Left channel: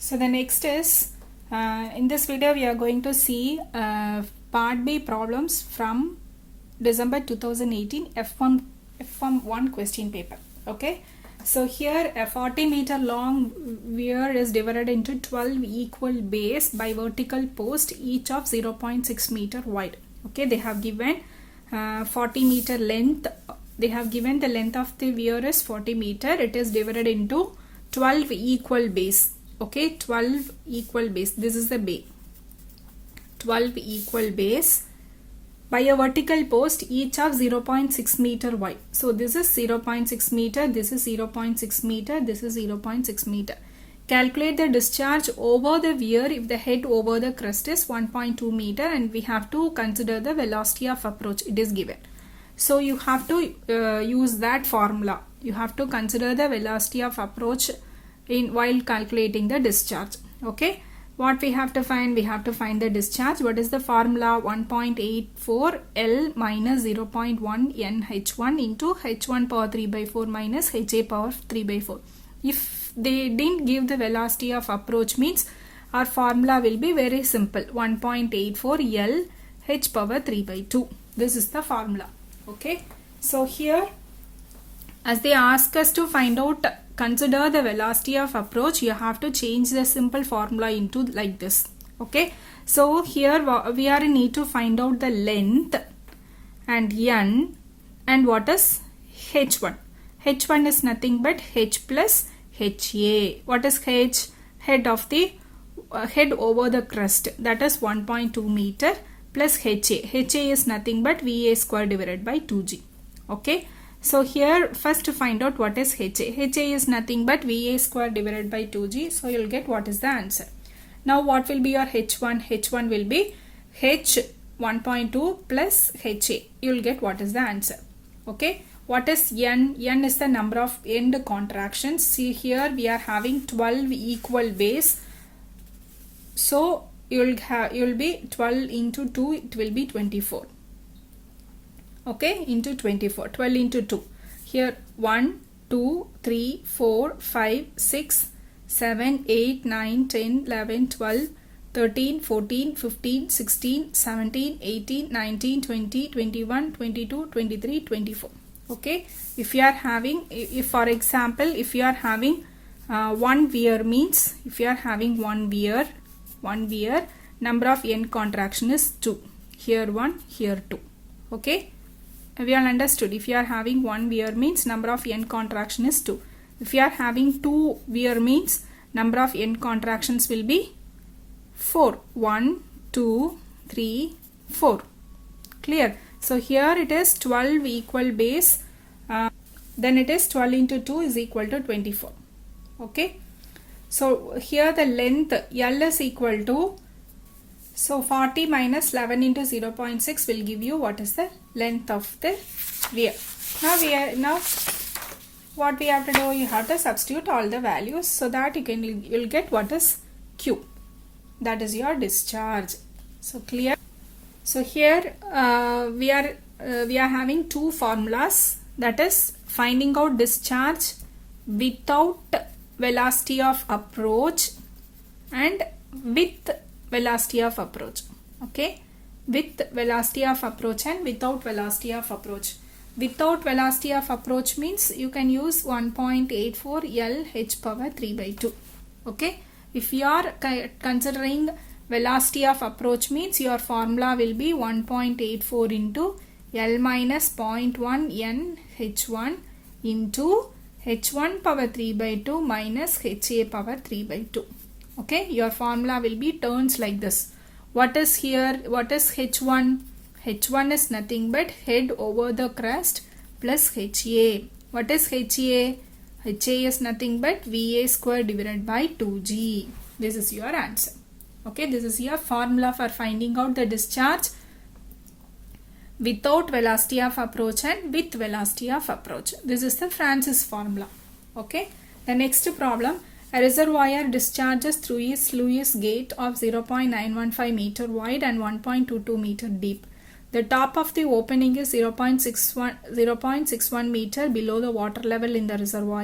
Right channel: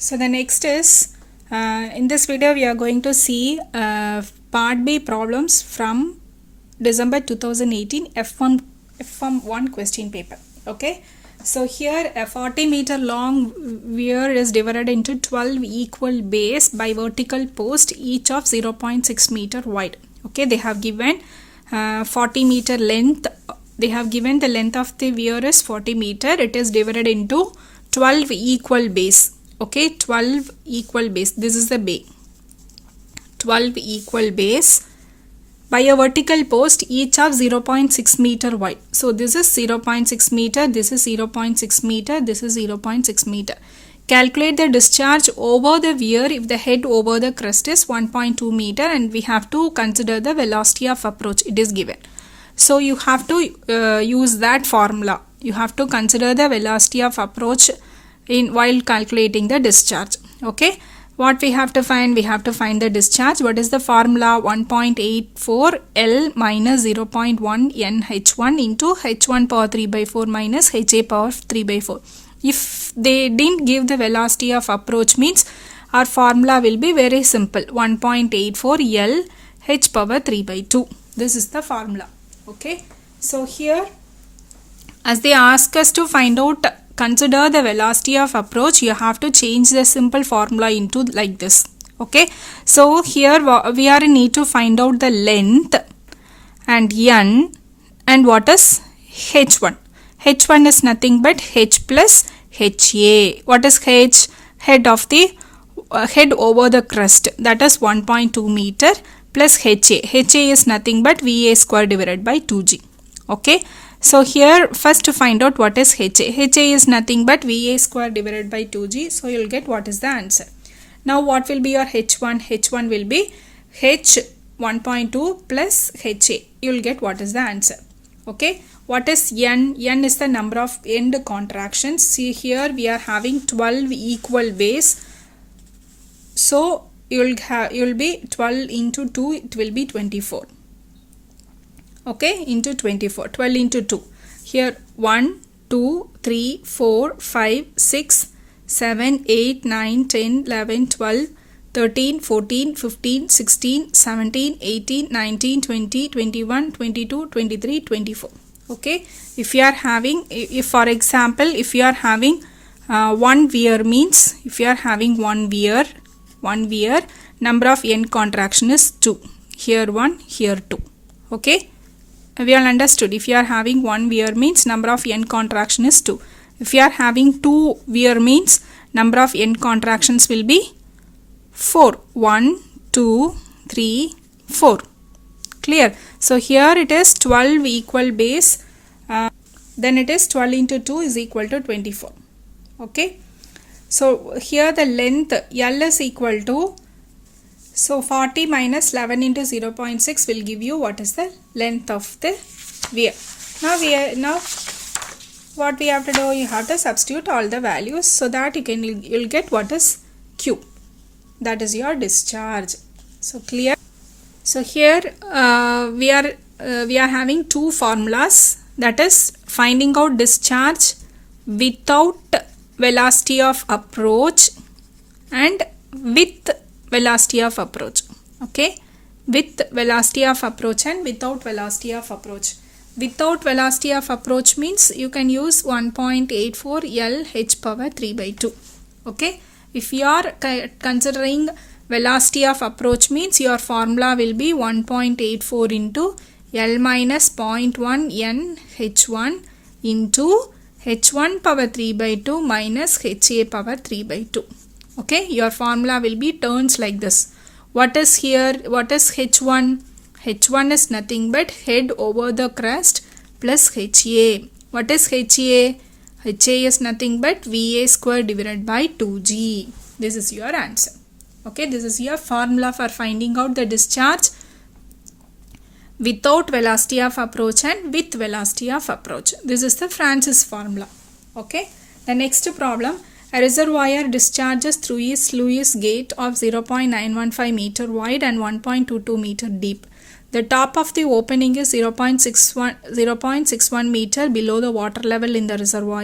So the next is in this video we are going to see part B problems from December 2018 F1 question paper. Okay, so here a 40-meter long weir is divided into 12 equal bays by vertical post, each of 0.6 meter wide. Okay, they have given 40-meter length. They have given the length of the weir is 40 meter. It is divided into 12 equal bays. Okay, 12 equal bays. This is the bay. 12 equal bays by a vertical post, each of 0.6 meter wide. So this is 0.6 meter, this is 0.6 meter, this is 0.6 meter. Calculate the discharge over the weir if the head over the crest is 1.2 meter, and we have to consider the velocity of approach. It is given. So you have to use that formula. You have to consider the velocity of approach while calculating the discharge. Okay, what we have to find? We have to find the discharge. What is the formula? 1.84 L minus 0.1 NH1 into H1 power 3 by 4 minus HA power 3 by 4. If they didn't give the velocity of approach, means our formula will be very simple. 1.84 L H power 3 by 2. This is the formula. Okay, so here as they ask us to find out, consider the velocity of approach, you have to change the simple formula into like this. Okay, so here we are in need to find out the length and n, and what is h1. H1 is nothing but h plus ha. What is h? Head of the head over the crest, that is 1.2 meter plus ha. Ha is nothing but va square divided by 2g. Okay, so here first to find out what is HA. HA is nothing but VA square divided by 2G. So you will get what is the answer. Now what will be your H1? H1 will be H 1.2 plus HA. You will get what is the answer. Okay. What is N? N is the number of end contractions. See here we are having 12 equal bays. So you will be 12 into 2. It will be 24. Okay, into 24, 12 into 2. Here 1, 2, 3, 4, 5, 6, 7, 8, 9, 10, 11, 12, 13, 14, 15, 16, 17, 18, 19, 20, 21, 22, 23, 24. Okay, if you are having, if for example, if you are having one weir, means if you are having one weir, number of end contraction is 2. Here 1, here 2. Okay. We all understood. If you are having one weir, means number of end contraction is 2. If you are having two weir, means number of end contractions will be 4. 1, 2, 3, 4. Clear? So here it is 12 equal bays. Then it is 12 into 2 is equal to 24. Okay. So here the length L is equal to, so 40 minus 11 into 0.6 will give you what is the length of the weir. Now what we have to do, you have to substitute all the values so that you'll get what is Q. That is your discharge. So clear. So here we are having two formulas, that is finding out discharge without velocity of approach and with velocity of approach. Okay, with velocity of approach and without velocity of approach. Without velocity of approach means you can use 1.84 L H power 3 by 2. Okay, if you are considering velocity of approach, means your formula will be 1.84 into L minus 0.1 N H1 into H1 power 3 by 2 minus HA power 3 by 2. Okay, your formula will be turns like this. What is here? What is H1? H1 is nothing but head over the crest plus HA. What is HA? HA is nothing but VA square divided by 2G. This is your answer. Okay, this is your formula for finding out the discharge without velocity of approach and with velocity of approach. This is the Francis formula. Okay, the next problem. A reservoir discharges through a sluice gate of 0.915 meter wide and 1.22 meter deep. The top of the opening is 0.61 meter below the water level in the reservoir,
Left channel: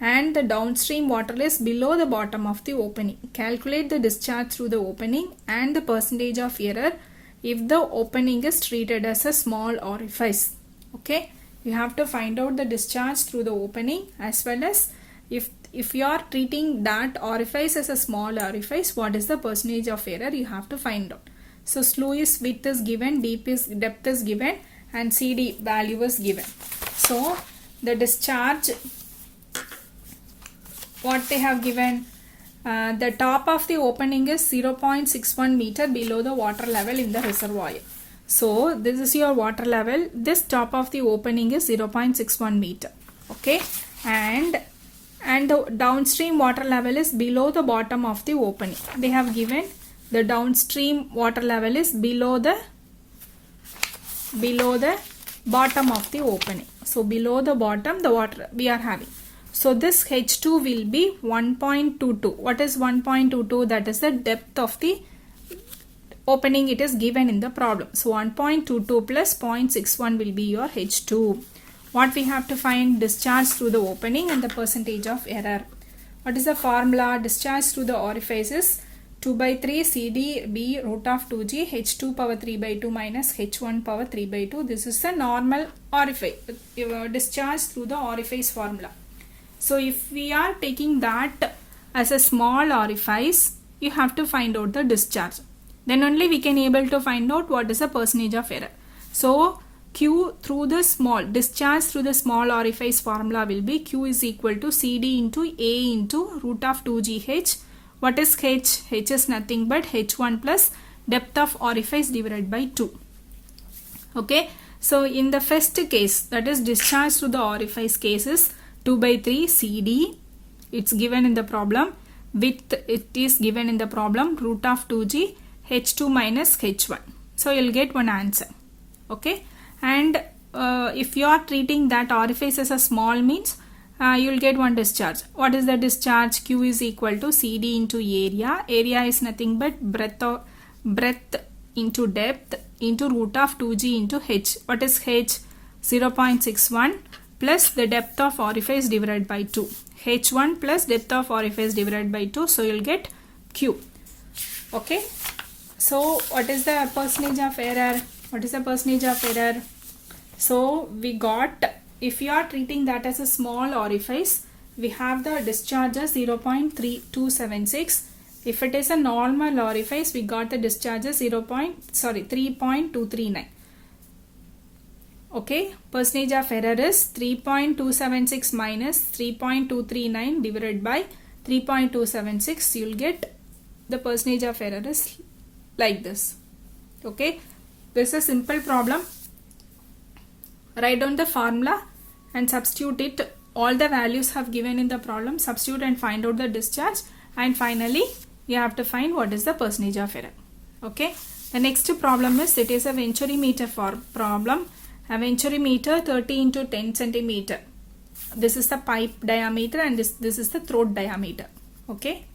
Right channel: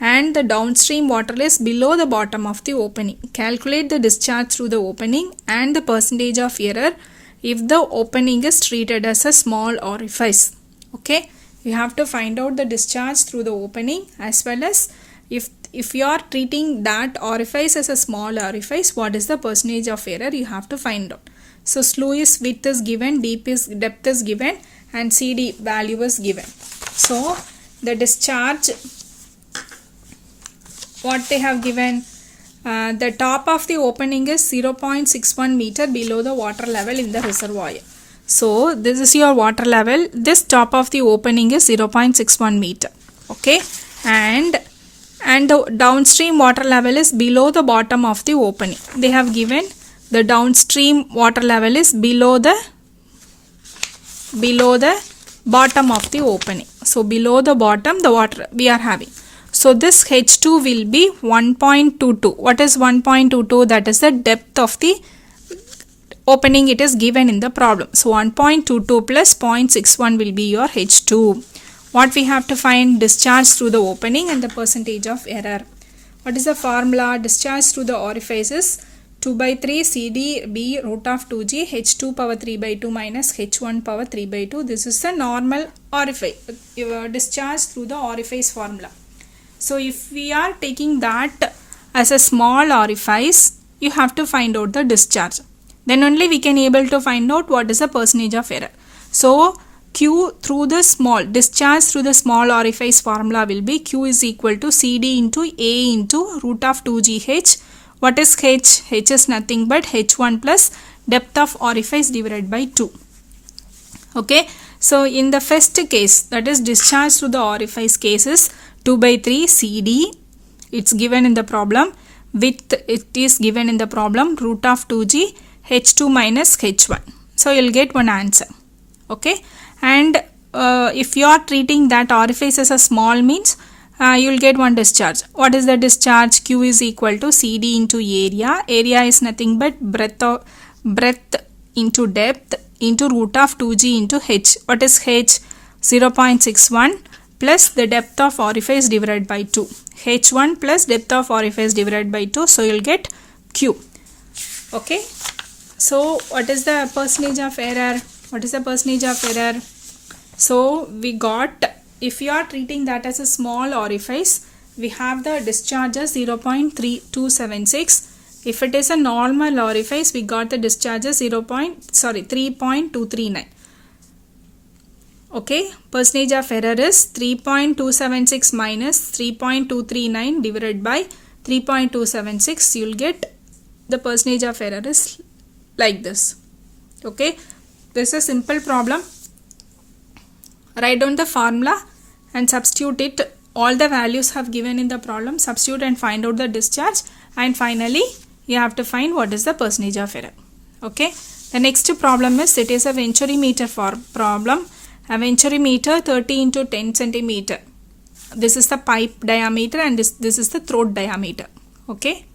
and the downstream water is below the bottom of the opening. Calculate the discharge through the opening and the percentage of error if the opening is treated as a small orifice. Okay, you have to find out the discharge through the opening, as well as if you are treating that orifice as a small orifice, what is the percentage of error you have to find out. So sluice width is given, depth is given, and CD value is given. So the discharge, what they have given, the top of the opening is 0.61 meter below the water level in the reservoir. So this is your water level. This top of the opening is 0.61 meter. Okay, and the downstream water level is below the bottom of the opening. They have given the downstream water level is below the bottom of the opening. So below the bottom the water we are having. So this H2 will be 1.22. What is 1.22? That is the depth of the opening, it is given in the problem. So 1.22 plus 0.61 will be your H2. What we have to find? Discharge through the opening and the percentage of error. What is the formula? Discharge through the orifices 2 by 3 CD B root of 2G H2 power 3 by 2 minus H1 power 3 by 2. This is the normal orifice. Discharge through the orifice formula. So if we are taking that as a small orifice, you have to find out the discharge. Then only we can able to find out what is the percentage of error. So Q through the small, discharge through the small orifice formula will be Q is equal to CD into A into root of 2GH. What is H? H is nothing but H1 plus depth of orifice divided by 2. Okay. So in the first case, that is discharge through the orifice cases, 2 by 3 CD, it's given in the problem. Width, it is given in the problem, root of 2G H2 minus H1. So you'll get one answer. Okay, and if you are treating that orifice as a small means, you'll get one discharge. What is the discharge? Q is equal to CD into area. Area is nothing but breadth into depth into root of 2G into H. What is H? 0.61 plus the depth of orifice divided by 2. H1 plus depth of orifice divided by 2. So you'll get Q. Okay. So what is the percentage of error? What is the percentage of error? So we got, if you are treating that as a small orifice, we have the discharge as 0.3276. If it is a normal orifice, we got the discharge as 3.239. Okay, percentage of error is 3.276 minus 3.239 divided by 3.276. You'll get the percentage of error is like this. Okay, this is a simple problem. Write down the formula and substitute it. All the values have given in the problem. Substitute and find out the discharge, and finally you have to find what is the percentage of error. Okay, the next problem is, it is a venturimeter for problem. A venturimeter 30 into 10 centimeter. This is the pipe diameter and this is the throat diameter. Okay,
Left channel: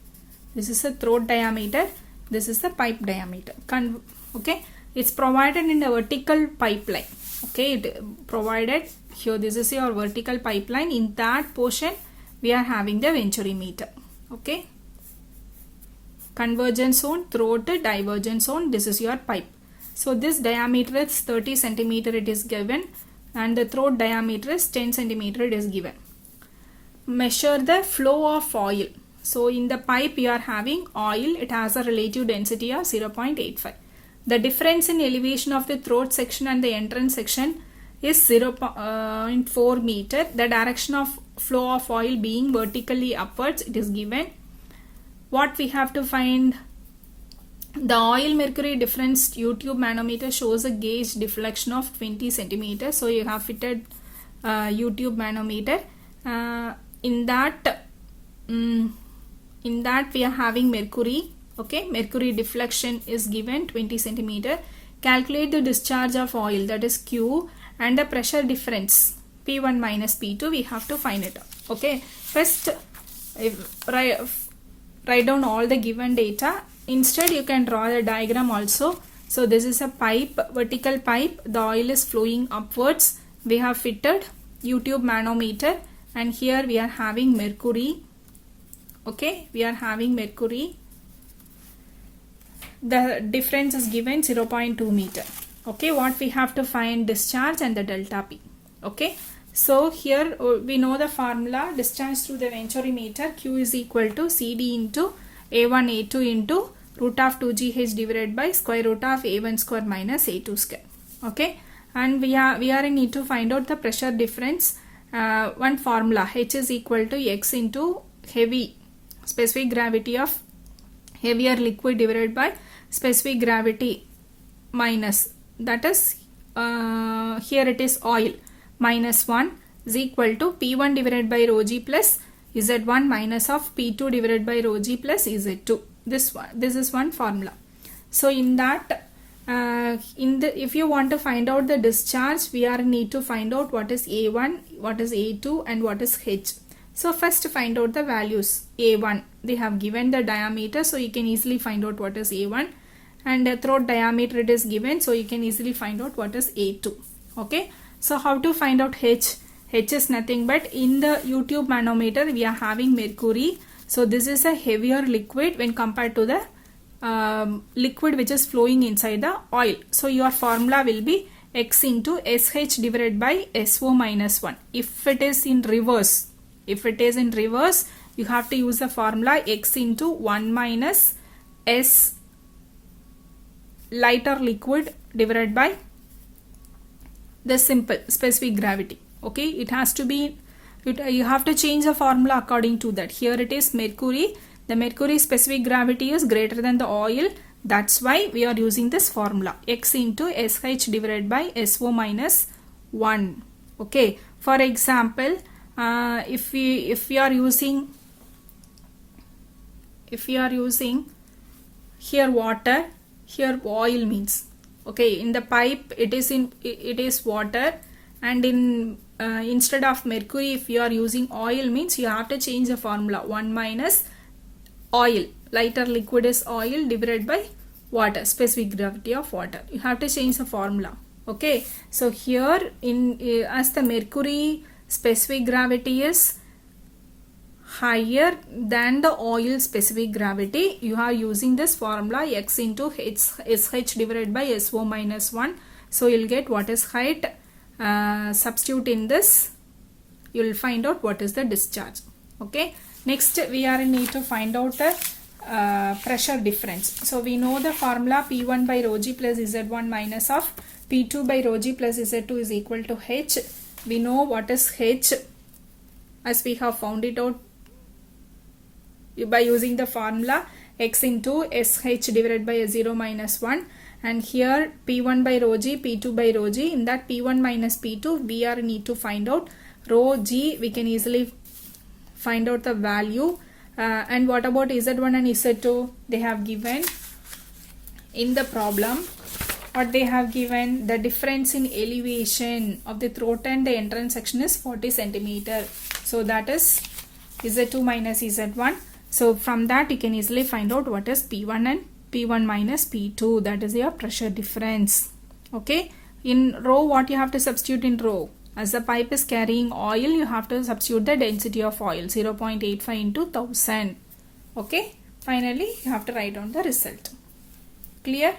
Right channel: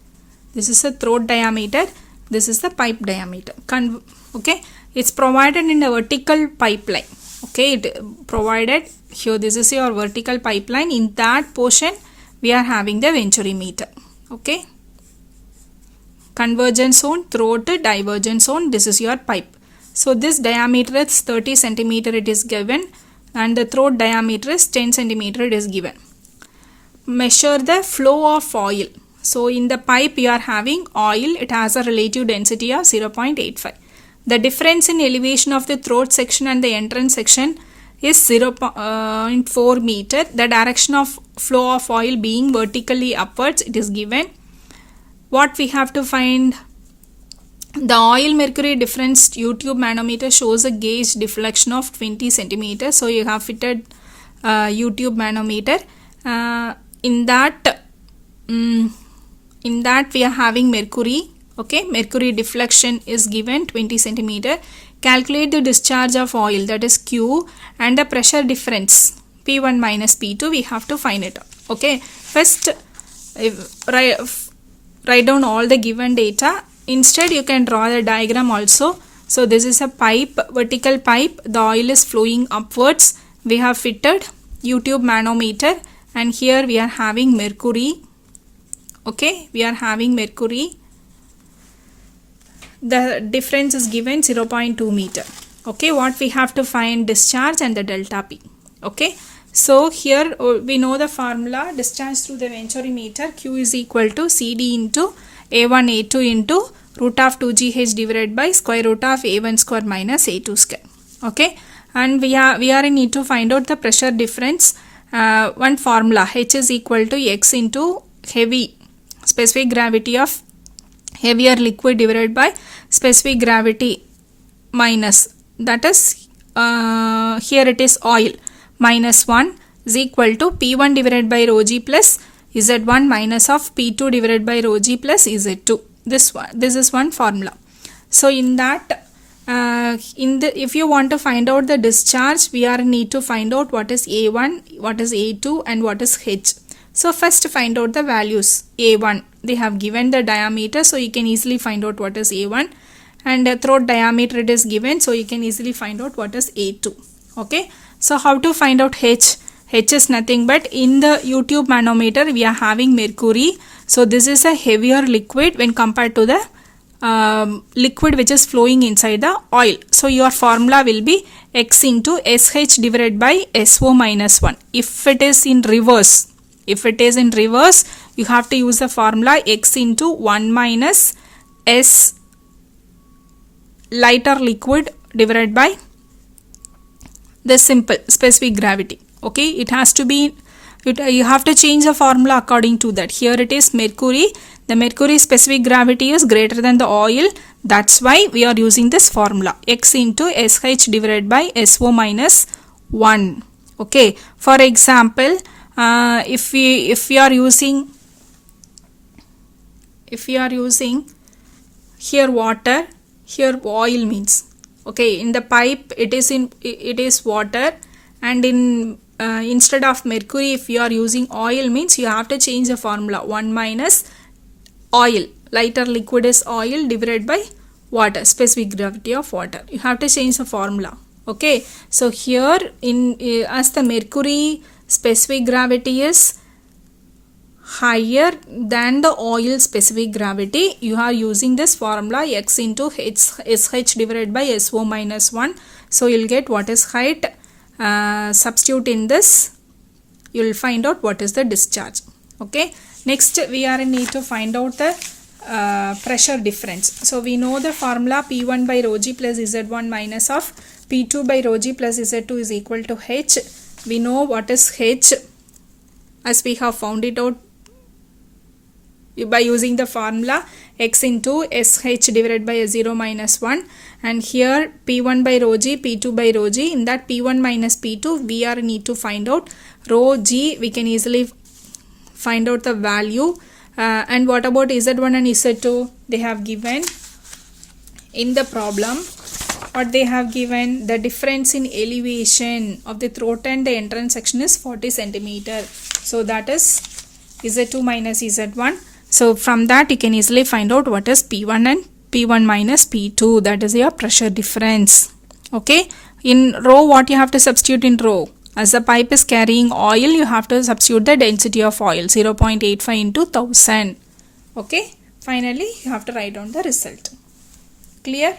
this is the throat diameter. This is the pipe diameter. Okay, it's provided in a vertical pipeline. Okay, it provided here. This is your vertical pipeline. In that portion, we are having the venturimeter. Okay, convergence zone, throat, divergence zone. This is your pipe. So this diameter is 30 centimeter. It is given, and the throat diameter is 10 centimeter. It is given. Measure the flow of oil. So in the pipe you are having oil. It has a relative density of 0.85. The difference in elevation of the throat section and the entrance section is 0.4 meter. The direction of flow of oil being vertically upwards, it is given. What we have to find? The oil mercury difference U-tube manometer shows a gauge deflection of 20 centimeters. So you have fitted U-tube manometer. In that we are having mercury. Okay, mercury deflection is given 20 centimeter. Calculate the discharge of oil, that is Q, and the pressure difference P1 minus P2. We have to find it out. Okay, first write down all the given data. Instead you can draw the diagram also. So this is a pipe, vertical pipe. The oil is flowing upwards. We have fitted U-tube manometer and here we are having mercury. Okay, we are having mercury. The difference is given 0.2 meter. Okay, what we have to find? Discharge and the delta P. Okay, so here we know the formula. Discharge through the venturi meter, Q is equal to CD into A1 A2 into root of 2GH divided by square root of A1 square minus A2 square. Okay, and we are in need to find out the pressure difference. One formula, H is equal to X into heavy, specific gravity of heavier liquid divided by specific gravity minus, that is here it is oil, minus 1 is equal to P1 divided by rho g plus Z1 minus of P2 divided by rho g plus Z2. This is one formula. So in that, if you want to find out the discharge, we are need to find out what is A1, what is A2 and what is H. So first find out the values. A1, they have given the diameter, so you can easily find out what is A1, and throat diameter it is given, so you can easily find out what is A2. Okay, so how to find out H? H is nothing but, in the U-tube manometer we are having mercury, so this is a heavier liquid when compared to the liquid which is flowing inside the oil. So your formula will be X into SH divided by SO minus 1. If it is in reverse, you have to use the formula X into 1 minus S lighter liquid divided by the simple specific gravity. Okay, it has to be, you have to change the formula according to that. Here it is mercury, the mercury specific gravity is greater than the oil, that's why we are using this formula, X into SH divided by SO minus 1. Okay, for example, if we are using here water, here oil means, okay, in the pipe it is water, and in instead of mercury, if you are using oil means you have to change the formula, 1 minus oil, lighter liquid is oil divided by water, specific gravity of water. You have to change the formula. Okay, so here in as the mercury specific gravity is higher than the oil specific gravity, you are using this formula X into SH divided by SO minus 1. So you'll get what is height. Substitute in this, you will find out what is the discharge. Okay, next we are in need to find out the pressure difference. So we know the formula P1 by rho g plus Z1 minus of P2 by rho g plus Z2 is equal to H. We know what is H as we have found it out by using the formula X into SH divided by 0 minus 1, and here P1 by rho g, P2 by rho g. In that P1 minus P2 we are need to find out rho g, we can easily find out the value. And what about Z1 and Z2? They have given in the problem, what they have given, the difference in elevation of the throat and the entrance section is 40 centimeter. So that is Z2 minus Z1. So from that you can easily find out what is P1 and P1 minus P2, that is your pressure difference. Okay, in rho what you have to substitute in rho? As the pipe is carrying oil, you have to substitute the density of oil, 0.85 into 1000. Okay, finally you have to write down the result. Clear?